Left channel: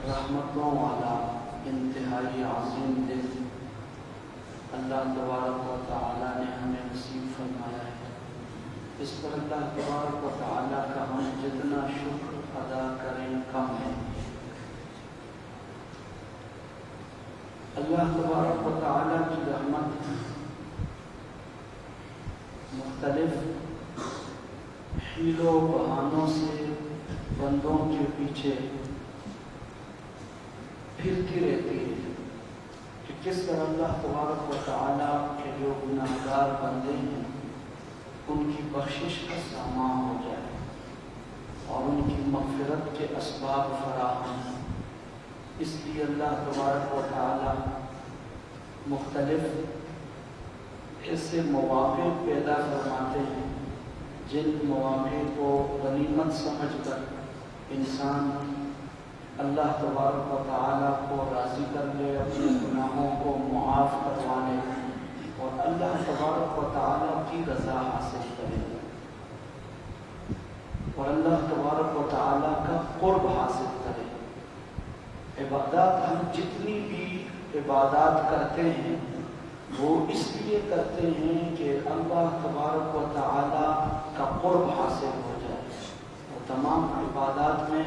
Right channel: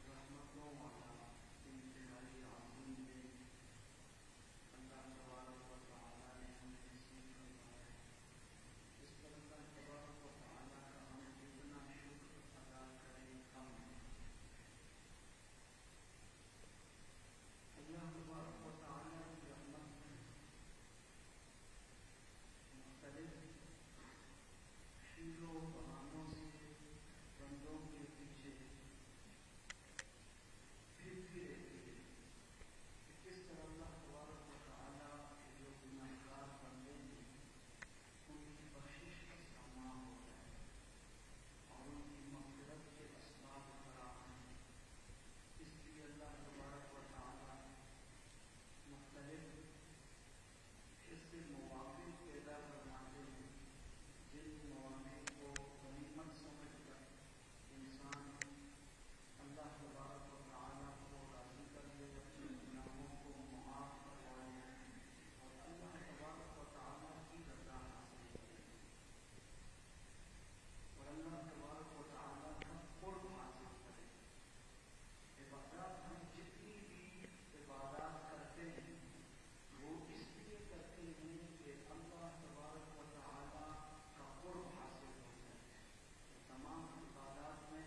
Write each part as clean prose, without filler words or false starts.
رحمتوں والا انتہائی عظیم دن اللہ تبارک و تعالیٰ نے ہمیں نصیب فرمایا ہے۔ اس پر اللہ تبارک و تعالیٰ کا ہم جتنا شکر ادا کریں کم ہے۔ اللہ تبارک و تعالیٰ کی رحمت مختلف حیل و بہانوں سے بندوں کے پیچھے پھرتی رہتی ہے کہ کس طرح اللہ تبارک و تعالیٰ کے جو گناہگار بندے ہیں ان کی بخشش کا سامان ہو جائے اور ان کی مغفرت کے اسباب فراہم ہیں۔ اس لیے اللہ تبارک و تعالیٰ مختلف ایسے مواقع پیدا فرماتے ہیں جن مواقع کو غنیمت سمجھ کر انسان اللہ تبارک و تعالیٰ کو راضی کر لے، اپنے گناہوں کو معاف کروا لے اور اللہ تبارک و تعالیٰ کی رضا حاصل کرے اور اللہ تبارک و تعالیٰ کا قرب حاصل کرے۔ عبادات ہم جتنی بھی عبادات کرتے ہیں وہ اس لیے کرتے ہیں کہ اللہ تبارک و تعالیٰ کا قرب حاصل ہو جائے۔ اور تمام عبادات میں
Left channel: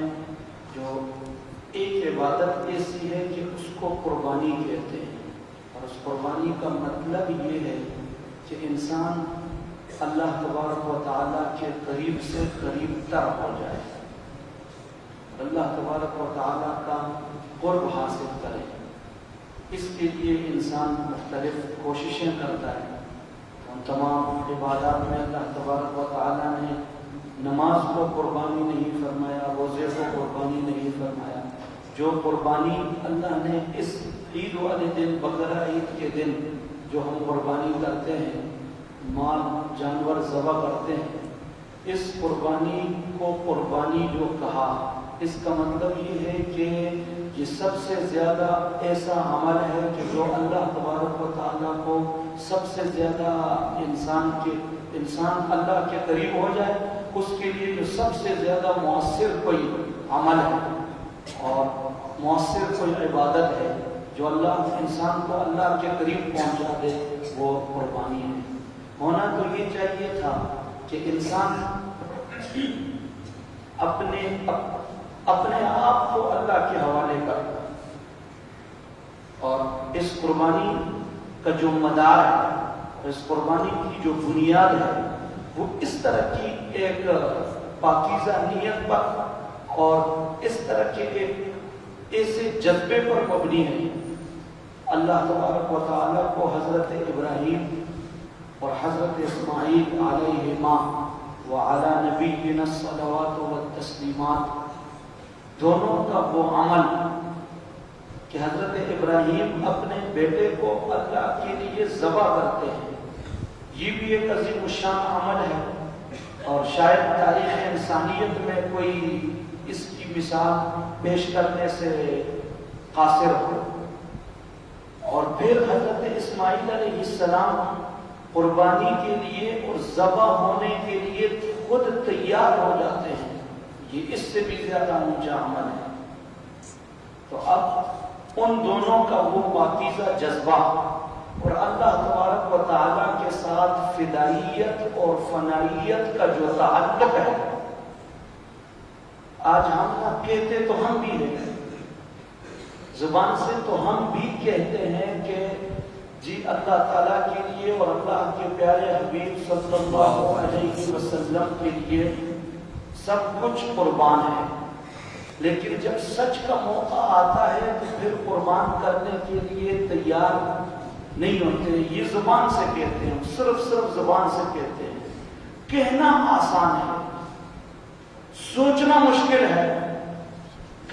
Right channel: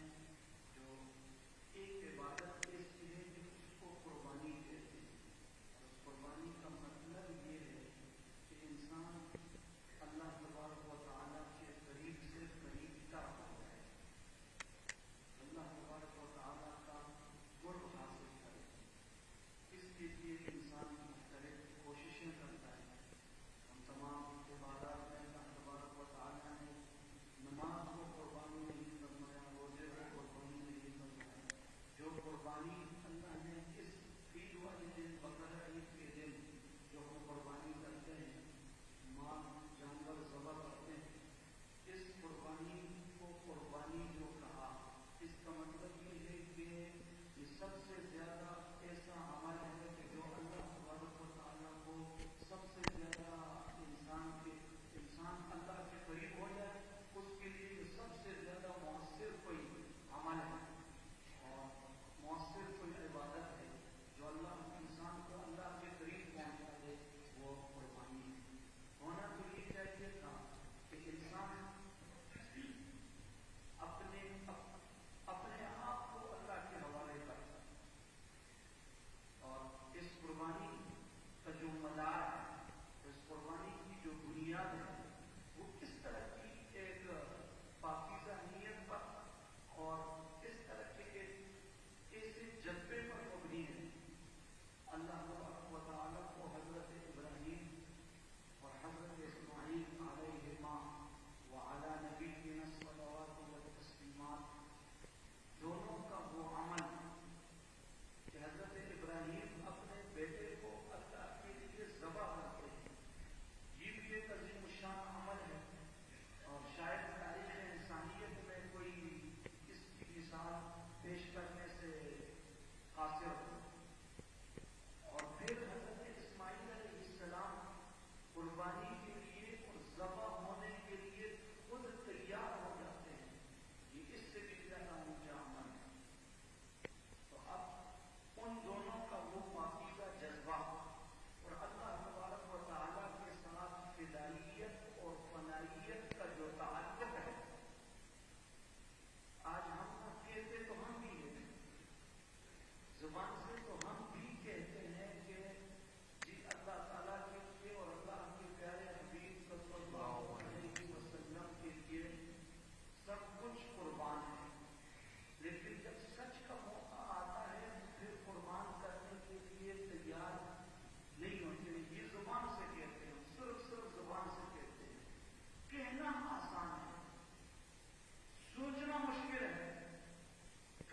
جو ایک عبادت ایسی ہے کہ اس کو قربانی کہتے ہیں، اور اس قربانی کا مطلب یہ ہے کہ انسان اللہ تبارک و تعالیٰ کے قریب سے قریب تر ہو جائے، اللہ تبارک و تعالیٰ کا قرب حاصل کرے۔ اس کے لیے انسان مختلف کوششیں کرتا ہے۔ ان تمام عبادات میں اللہ تبارک و تعالیٰ نے نماز کو قربانی نہیں فرمایا، روزے کو قربانی نہیں فرمایا۔ جو قربانی اللہ نے اس عید والے دن، بقرہ عید کے دن جو ہم قربانی کرتے ہیں، مال جانور ذبح کرتے ہیں، اس قربانی کو قربانی جو کہا، اس کا مطلب یہ ہے کہ یہ سب سے زیادہ ایسا عمل ہے کہ جو اللہ تبارک و تعالیٰ کو سب سے زیادہ انسان اللہ کے قریب ہو جائے، اس کے لیے جو سب سے زیادہ مؤثر کوئی عمل ہے اور مؤثر کوئی عبادت ہے جو اللہ انسان کو اللہ کے قریب پہنچا دے، وہ قربانی ہے۔ ہونا تو یہ چاہیے تھا کہ انسان اپنے آپ کو اللہ کے حوالے کر، اور اس قربانی کا جو مدار ہے، اس قربانی کی جو بنیاد ہے، وہ اس طرح کی ایک پاکیزہ نیت پر اور اس طرح کے ایک ایسے جذبے پر مبنی ہے۔ اللہ تبارک و تعالیٰ کو حضرت ابراہیم اور حضرت اسماعیل علیہما وعلی نبینا الصلوات والتسلیمات دونوں کا وہ عمل کہ حضرت ابراہیم اپنے بیٹے کو اللہ کے لیے ذبح کرتے ہیں، یہ بھی ایک عظیم الشان عمل ہے، اور شاید تاریخ انسانیت میں کوئی اس کی مثال پیش کرنے سے قاصر ہو۔ اور پھر حضرت اسماعیل علیہ السلام قربانی کے لیے اور ذبح ہونے کے لیے خود تیار ہو جاتے ہیں، یہ اس سے بھی زیادہ اونچا عمل ہے۔ تو اب ان دونوں کا وہ پاکیزہ جذبہ اور اللہ تبارک و تعالیٰ کے ساتھ فدائیت اور فنائیت کا جو تعلق ہے، آج ہم نہ کہتے تو ہم بھی ہیں، زبان سے تو ہم بھی کہتے ہیں کہ جی اللہ تعالیٰ کے لیے اور اللہ کے پیارے حبیب صلی اللہ علیہ وسلم کے لیے سب کچھ قربان ہے، لیکن جب سچ کا موقع آتا ہے تو پھر قربان کرنے کے لیے تیار نہیں ہوتے۔ یہ زبان سے کہتے ہیں، صرف زبان سے کہتے ہیں، کہنا آسان ہے، سوچنا مشکل ہے،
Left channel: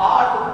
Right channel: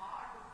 8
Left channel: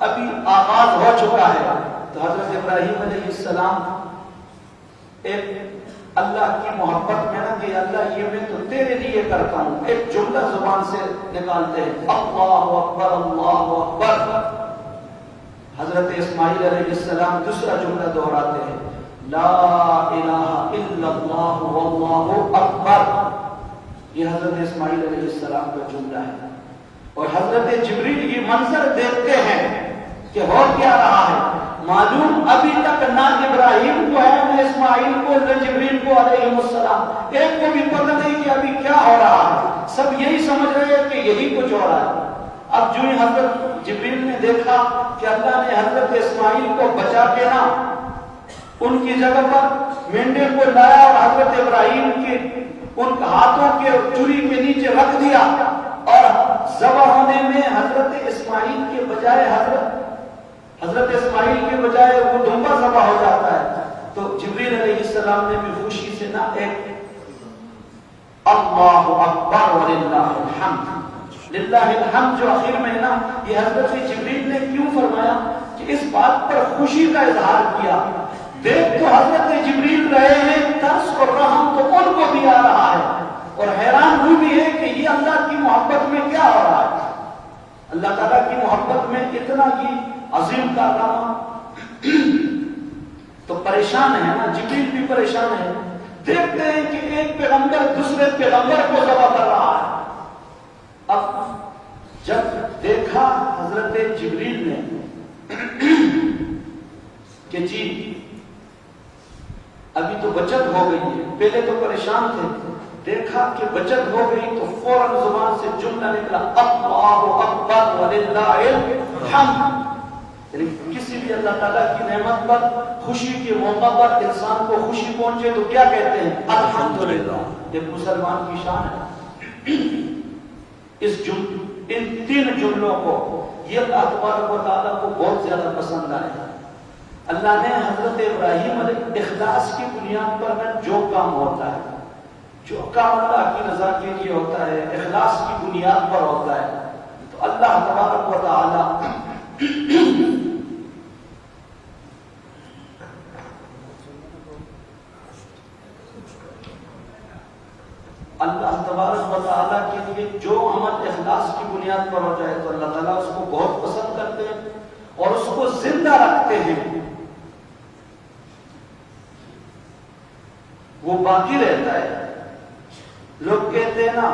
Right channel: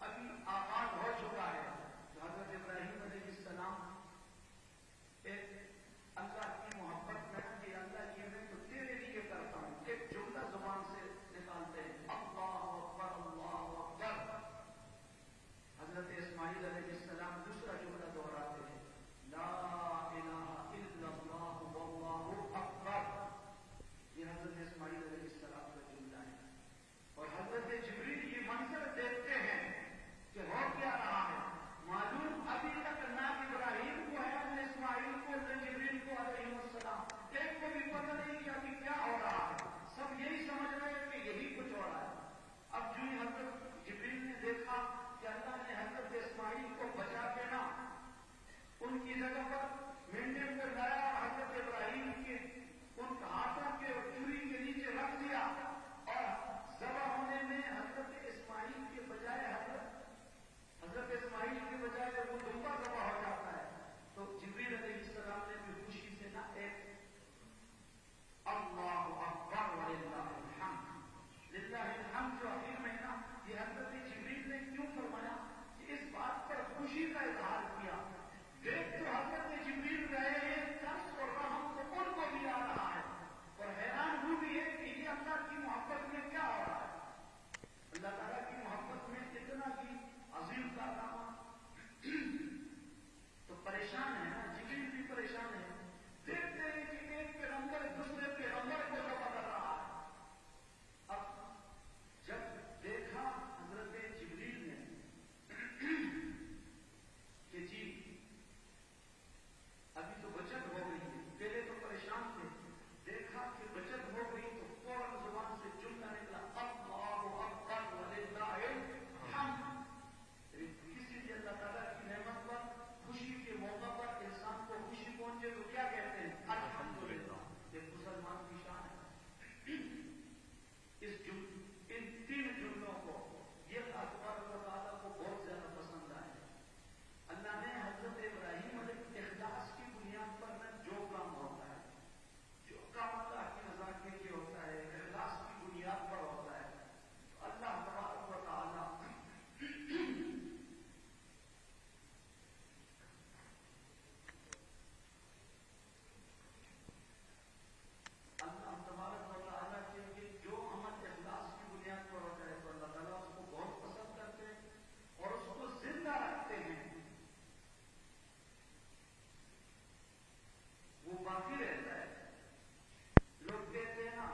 ابھی آغاز ہو چکا ہے. تو حضرت ابراہیم علیہ السلام ایک اللہ کی محبت میں نا کہ اللہ یہ میں تو تیرے لیے کرتا ہوں، ایک جملہ زبان سے نکالتے ہیں، اللہ اکبر اللہ اکبر. حضرت اسماعیل علیہ السلام دوسرا جملہ دہراتے ہیں، لا الہ الا اللہ واللہ اکبر. یہ حضرت اسماعیل علیہ السلام کا جملہ ہے. اور حضرت جبریل یہ منظر دیکھتے ہیں کہ ہو کیا رہا ہے. معلوم ابھی تک نہ ابراہیم کو ہے نہ اسماعیل کو نہ جبریل کو علیہ السلام، ایک کو بھی پتہ نہیں کہ ابھی کیا ہو رہا ہے. سب یہی سمجھ رہے ہیں کہ یہی کچھ ہو رہا ہے. اب جو ہی حضرت جبریل نے دیکھا کہ اللہ نے حضرت اسماعیل کو بچا کے نا ان کی جگہ پر مینڈے کو لایا اور حضرت ابراہیم کے ان ہاتھوں کے چوری کے نیچے رکھ دیا، اور ذبح ہونے میں حضرت اسماعیل کے بجائے حضرت اسماعیل کے بجائے وہ دمبا ذبح ہو جاتا ہے. تو جبریل علیہ السلام نے بھی خوشی سے نا ایک اللہ اکبر وللہ الحمد، للہ الحمد جو آخر میں نا یہ حضرت جبریل نے کیوں فرمایا کہ اس بات پر خوشی کا اظہار کیا. دیکھ تو حضرت جبریل رہے ہیں، ترس اور رحم تو ان کو بھی آ رہا ہے، اور حیران ہوئی بھی ہے کہ یہ اللہ کی محبت میں کیا ہو رہا ہے. اللہ تعالیٰ کی محبت میں اتنا ہی عظیم کارنامہ. تو پریشان ہے نا، جبریل بھی پریشان ہے. دیکھتے ہیں کہ ایک پیغمبر دوسرے پیغمبر کو ذبح کر رہا ہے. اب جب دیکھا حضرت جبریل نے کہ جی ابھی تو بچت ہو گئی ہے، پہلے تو پریشان تھے، دیکھا کہ بچت ہو گئی تو فوراً زبان سے جملہ نکلا اللہ اکبر وللہ الحمد. یعنی کسی بھی اللہ تعالیٰ کی نعمت پر خوشی کے موقع پر انسان کو خوشی پہنچے تو کیا کہتے ہیں؟ الحمدللہ. یہ مسلمان کی شان ہے. ان تین جملوں کو یہ اللہ تبارک و تعالیٰ کو بہت زیادہ پسند آئے. اللہ نے حضرت ابراہیم علیہ اخلاص کی بنیاد پر جو کام ہوتا ہے، جو کام اللہ کی رضا کے لیے ہوتا ہے، اخلاص کی بنیاد پر ہوتا ہے، تو اللہ تبارک و تعالیٰ اللہ تبارک و تعالیٰ کے لیے جو عمل اخلاص کی بنیاد پر ہو جائے تو اللہ تعالیٰ اس کو بہت پسند کرتے ہیں اور اس کو زندہ رکھتے ہیں، وہ باقی رہتا ہے. لوگ کہتے ہیں نا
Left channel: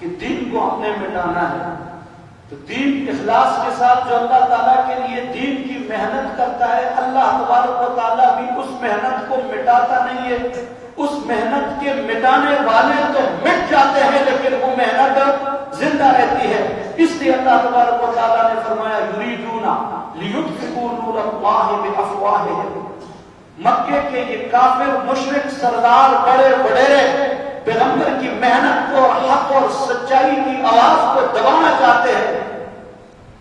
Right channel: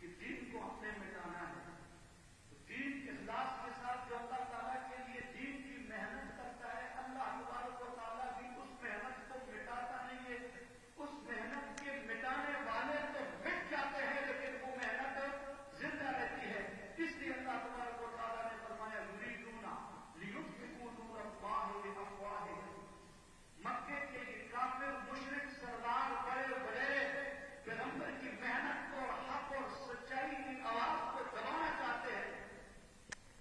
کہ دین کو ہم نے مٹانا ہے، تو دین اخلاص کے ساتھ جو اللہ تعالیٰ کے لیے دین کی محنت کرتا ہے، اللہ تبارک و تعالیٰ بھی اس محنت کو مٹاتا نہیں ہے. اس محنت کے مٹانے والے تو مٹ جاتے ہیں لیکن وہ محنت زندہ رہتی ہے. اس لیے اللہ تبارک و تعالیٰ نے فرمایا یریدون لیطفئوا نور اللہ بافواہہم. مکے کے یہ کافر مشرک سردار بڑے وڈیرے پیغمبر کی محنت کو، حق اور سچائی کی آواز کو دبانا چاہتے ہیں،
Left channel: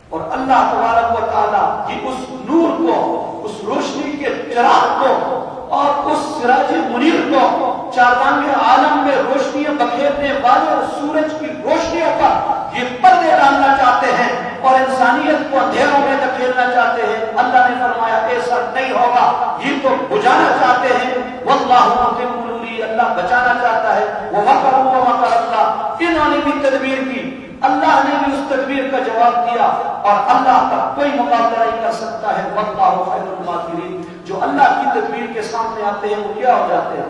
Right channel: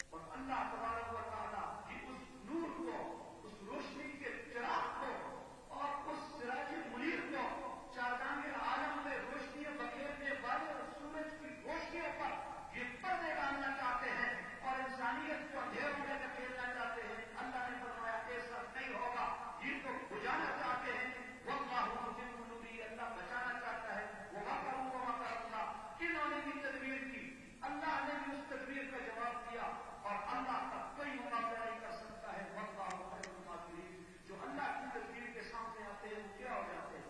اور اللہ تبارک و تعالیٰ کی اس نور کو، اس روشنی کے چراغ کو اور اس سراج منیر کو، چاردانگ عالم میں روشنیاں بکھیرنے والے اور سورج کی روشنیوں پر یہ پردے ڈالنا چاہتے ہیں اور انسانیت کو اندھیروں میں دھکیلنا چاہتے ہیں. اللہ نے فرمایا ایسا نہیں ہوگا، یہ تو بجھانا چاہتے ہیں. واللہ متم نورہ، اللہ بچانا چاہتا ہے. ومکروا ومکر اللہ، انہوں نے بھی تدبیر کی، اللہ نے بھی اس تدبیر کا جواب دیا، اور اللہ کا کوئی مقابلہ نہیں کر سکتا ہے. واللہ خیر الماکرین. جو اللہ کی تدبیر کے سامنے آتے ہیں وہ کیا ہو جاتے ہیں؟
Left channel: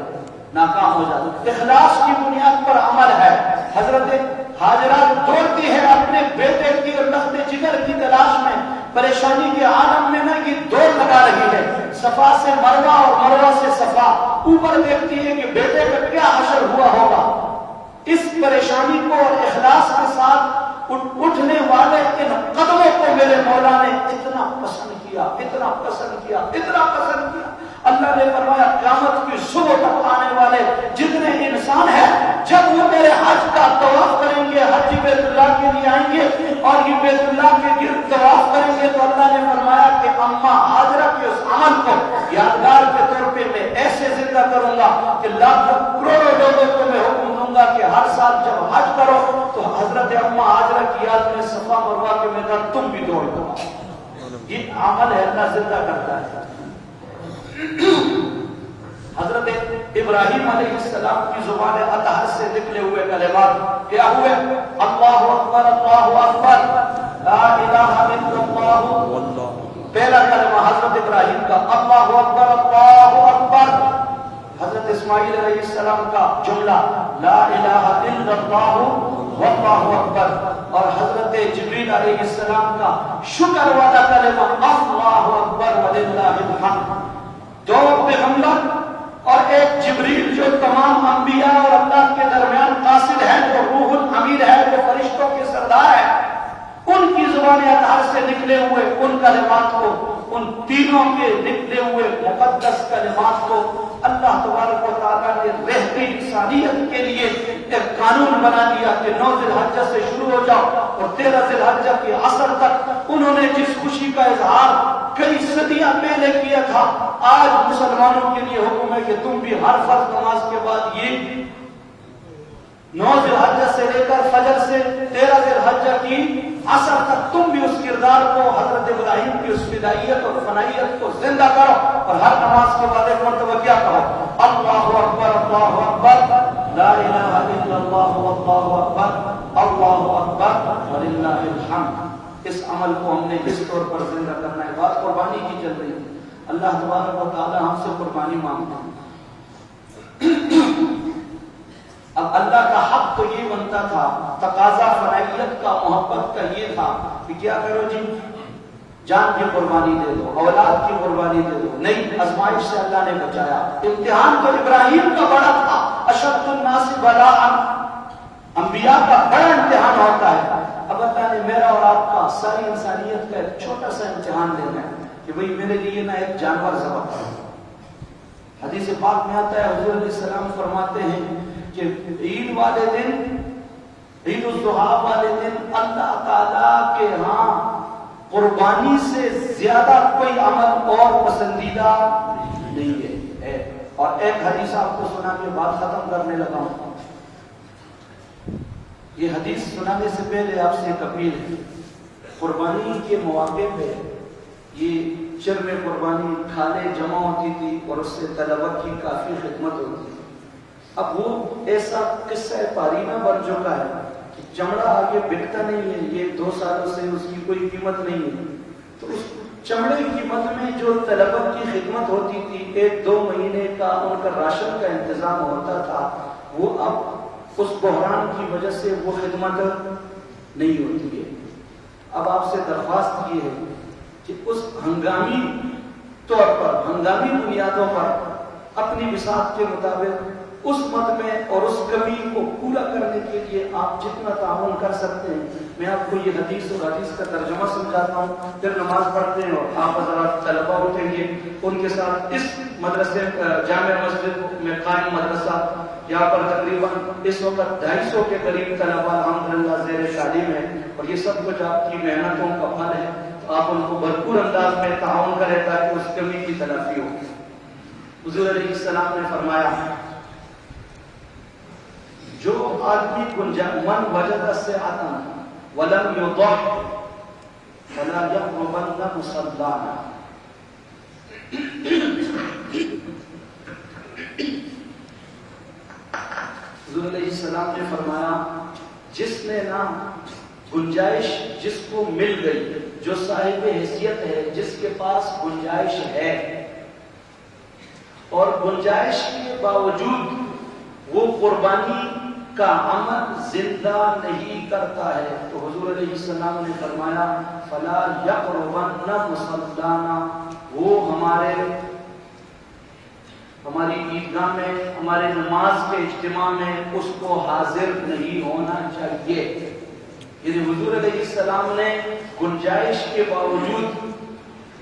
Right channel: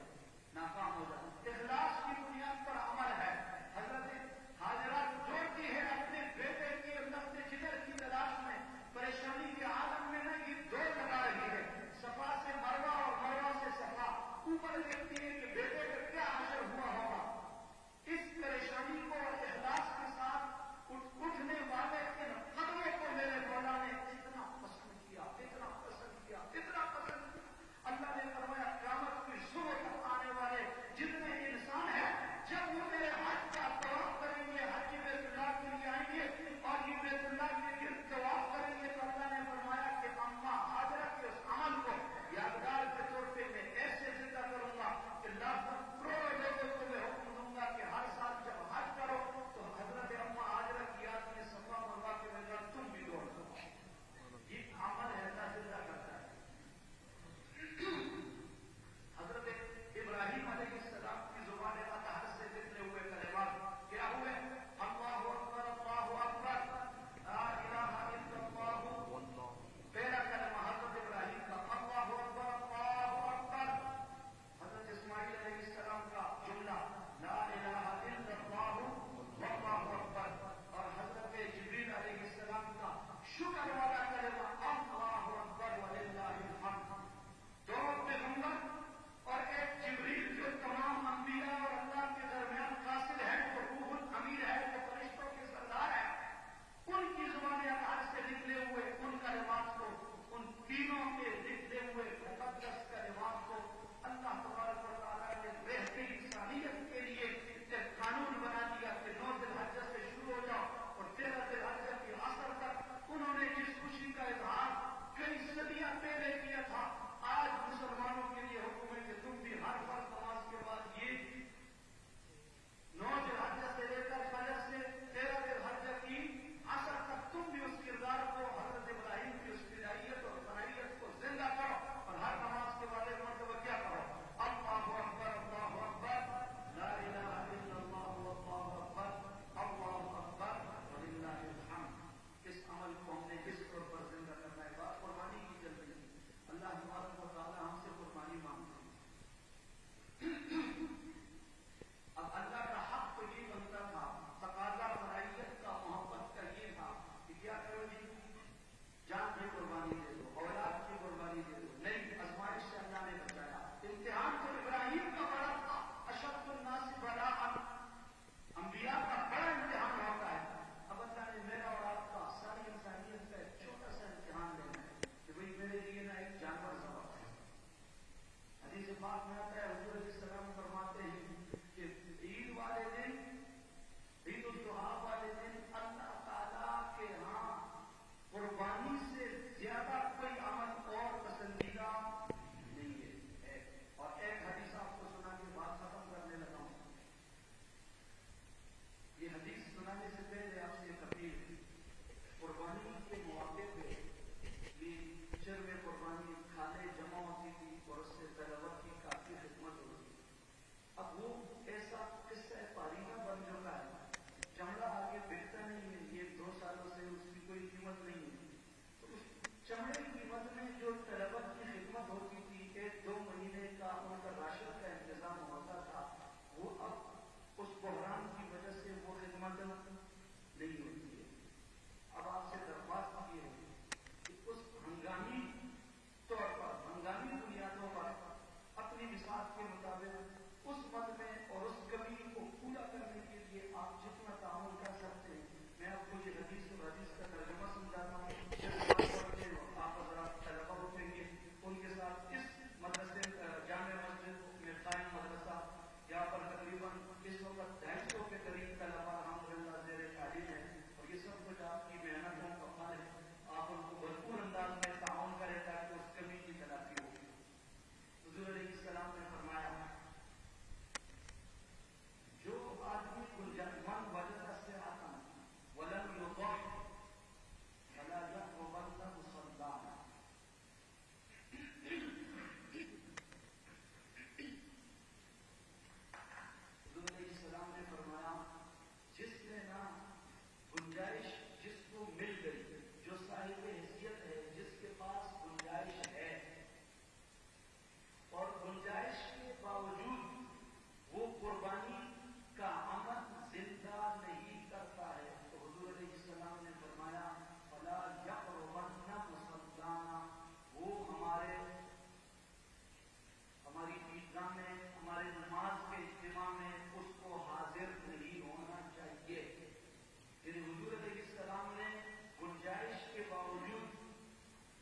ناکام ہو جاتے ہیں. اخلاص کی بنیاد پر عمل ہے. حضرت ہاجرہ دوڑتی ہے اپنے بیٹے کی اور لخت جگر کی تلاش میں، پریشانی کے عالم میں نہ یہ دوڑ لگا رہی ہے، صفا سے مروہ اور مروہ سے صفا. اوپر دیکھتی ہے کہ بیٹے کا کیا حشر ہوا ہوگا. اس پریشانی کو اور اخلاص کے ساتھ اٹھنے والے ان قدموں کو میرے مولا نے اتنا پسند کیا، اتنا پسند کیا، اتنا پسند کیا. اللہ نے فرمایا قیامت کی صبح تک آنے والے جتنے انسان ہیں، جب وہ میرے حج کا طواف کریں گے، حج بیت اللہ کے لیے آئیں گے اور یہ بیت اللہ کے گرد طواف کریں گے، تو اللہ نے فرمایا کہ اماں ہاجرہ کے اس عمل کو یادگار کے طور پہ میں ایسے زندہ کروں گا کہ لاکھوں کروڑوں لوگوں کو میں حکم دوں گا کہ ہر سال جب حج کرو تو حضرت اماں ہاجرہ کی یاد میں صفا مروہ کے میدان تم بھی دوڑ دو. یہ عمل ہے، اللہ زندہ کرتا ہے۔ حضرت ابراہیم علیہ السلام کی زبان اطہر سے نکلے ہوئے کلمات کیا ہوئے؟ اللہ اکبر اللہ اکبر لا الہ الا اللہ۔ پہلا کلمہ حضرت ابراہیم کا اللہ اکبر اللہ اکبر۔ حضرت اسماعیل علیہ السلام کا جملہ لا الہ الا اللہ واللہ اکبر۔ اور حضرت جبریل علیہ السلام کا شکر والا کلمہ اللہ اکبر وللہ الحمد۔ دو پیغمبر اور ایک جبریل جو تمام انبیاء اور اللہ کے درمیان قاصد ہے، جو روح الامین ہے، جو فرشتوں کے سردار ہے، ان کی زبان اطہر سے نکلے ہوئے ان کلمات کو، ان تینوں کے نکلے ہوئے مقدس کلمات کو اللہ تبارک و تعالیٰ نے رہتی انسانیت کے لیے ایک قانون بنا دیا کہ 9 ذی الحجہ سے شروع ہو جاؤ اور 13 ذی الحجہ کے عصر تک۔ انہوں نے جس خوشی کا اظہار کئی صدیاں پہلے کیا تھا، آج مسلمانوں کے لیے حکم ہے کہ تم بھی ہر فرض نماز کے بعد یہ 9 ذی الحجہ سے لے کر فجر سے 13 ذی الحجہ کی عصر تک تم بھی اس کردار کو، حضرت ابراہیم کی اس فدائیت اور فنائیت کو زندہ کرو، اور ہر نماز کے بعد ایک مرتبہ کیا کہو؟ اللہ اکبر اللہ اکبر لا الہ الا اللہ واللہ اکبر اللہ اکبر وللہ الحمد۔ اس عمل کو ہم نے اس طور پر زندہ کرنا ہے۔ بات قربانی کی چل رہی ہے، اللہ تبارک و تعالی ہم سے قربانی مانگتا ہے۔ اب اللہ کا حق تو یہ بنتا تھا، تقاضا فنائیت کا، محبت کا یہ تھا کہ کیا کرو جی، جان کی قربانی دے دو، اولاد کی قربانی دے دو۔ نہیں، آزمائش سے اللہ نے بچایا۔ امتحان تو ابراہیم کا بڑا تھا، اشد الناس بلاء، انبیاء کا بڑا امتحان ہوتا ہے۔ اب اللہ نے میرا اور آپ کا، ساری انسانیت کا ایک چھوٹا سا امتحان لینا ہے کہ بھئی میرے لیے نہ ایک جانور ذبح کرو۔ حدیث پاک میں آتا ہے، حضور علیہ السلام فرماتے ہیں کہ عید والے دن، عید الاضحیٰ والے دن اللہ تعالیٰ کے ہاں قربانی سے زیادہ کوئی عمل اور پسندیدہ نہیں ہے۔ اور ایک حدیث آپ کو سنا کے بات ختم کرنے لگا ہوں۔ یہ حدیث سنانے سے پہلے آپ سے ایک اپیل ہے۔ قربانی کے مواقع پہ یہ چرم قربانی کھالیں جمع ہوتی تھی اور اس سے طلبہ کی کافی خدمت ہوتی تھی۔ اب وہ ایسا قصہ پارینہ بن چکا ہے کہ چمڑا آگے بکتا نہیں ہے، یہ 2 سالوں سے اس کی کوئی قیمت نہیں ہے۔ تو اس چمڑے کی قیمت میں جو طلبہ کی خدمت ہوتی تھی، 1-2 مہینے کا ان کا راشن کا انتظام ہوتا تھا، وہ اب اس بحران کی وجہ سے وہ خدمت نہیں ہوتی ہے۔ اب آپ سے درخواست یہ ہے کہ اس ہنگامی طور پر، ہنگامی بنیادوں پر اپنی وسعت کے مطابق اس مد میں اور اس کمی کو پورا کرنے کے لیے آپ جتنا تعاون کر سکتے ہیں۔ میں آپ کو یہ حدیث اور حدیث کا ترجمہ سمجھاتا ہوں، پھر نماز پڑھتے ہیں اور آپ حضرات طلبہ اٹھیں گے ان کے ساتھ۔ اس مدرسے جامع مسجد میں قائم مدرسہ، یہاں پر تقریباً اس وقت 250 کے قریب طلبہ الحمدللہ زیر تعلیم ہے، اور یہ سب کچھ آپ کی محنتوں کا پھل ہے۔ آپ ان کو بھرپور انداز میں تعاون کریں تاکہ اس کمی کی تلافی ہو۔ حضور علیہ السلام نے فرمایا، جو آدمی من وجد سعۃ ولم یضح فلا یقربن مصلانا۔ حضور علیہ السلام نے فرمایا، جس نے نا گنجائش، جس کو مل گئی، جو صاحب حیثیت ہے، جس کے پاس گنجائش ہے اور گنجائش کے باوجود وہ قربانی کا عمل زندہ نہیں کرتا ہے، تو حضور علیہ السلام نے فرمایا فلا یقربن مصلانا، وہ ہماری عیدگاہ میں، ہمارے نماز کے اجتماع میں اس کو حاضر نہیں ہونا چاہیے۔ یعنی حضور علیہ السلام نے گنجائش کے باوجود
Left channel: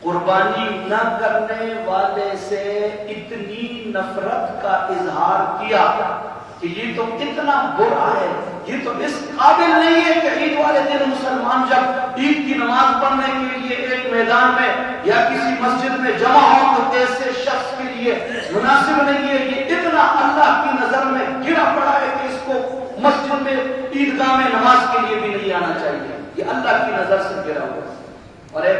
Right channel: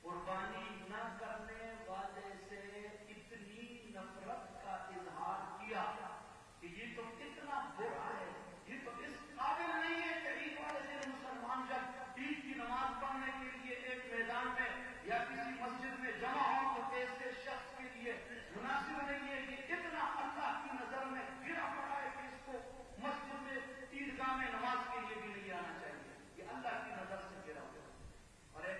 قربانی نہ کرنے والے سے اتنی نفرت کا اظہار کیا کہ یہ تو اتنا برا ہے، یہ تو اس قابل نہیں ہے کہ عید والے دن مسلمان جب عید کی نماز پڑھنے کے لیے ایک میدان میں یا کسی مسجد میں جمع ہو تو ایسے شخص کے لیے مناسب نہیں ہے۔ یہ اتنا اللہ کی نظر میں گرا پڑا ہے کہ اس کو مسجد میں، عیدگاہ میں نماز کے لیے بھی نہیں آنا چاہیے۔ یہ اللہ کی نظر سے گرا ہوا ہے۔ اور ایک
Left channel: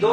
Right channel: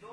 2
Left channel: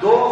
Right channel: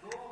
2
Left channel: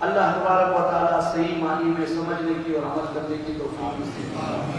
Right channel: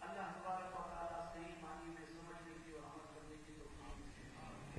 اللہ تبارک و تعالیٰ صحیح معنی میں سمجھنے کی اور عمل کرنے کی توفیق نصیب فرمائے۔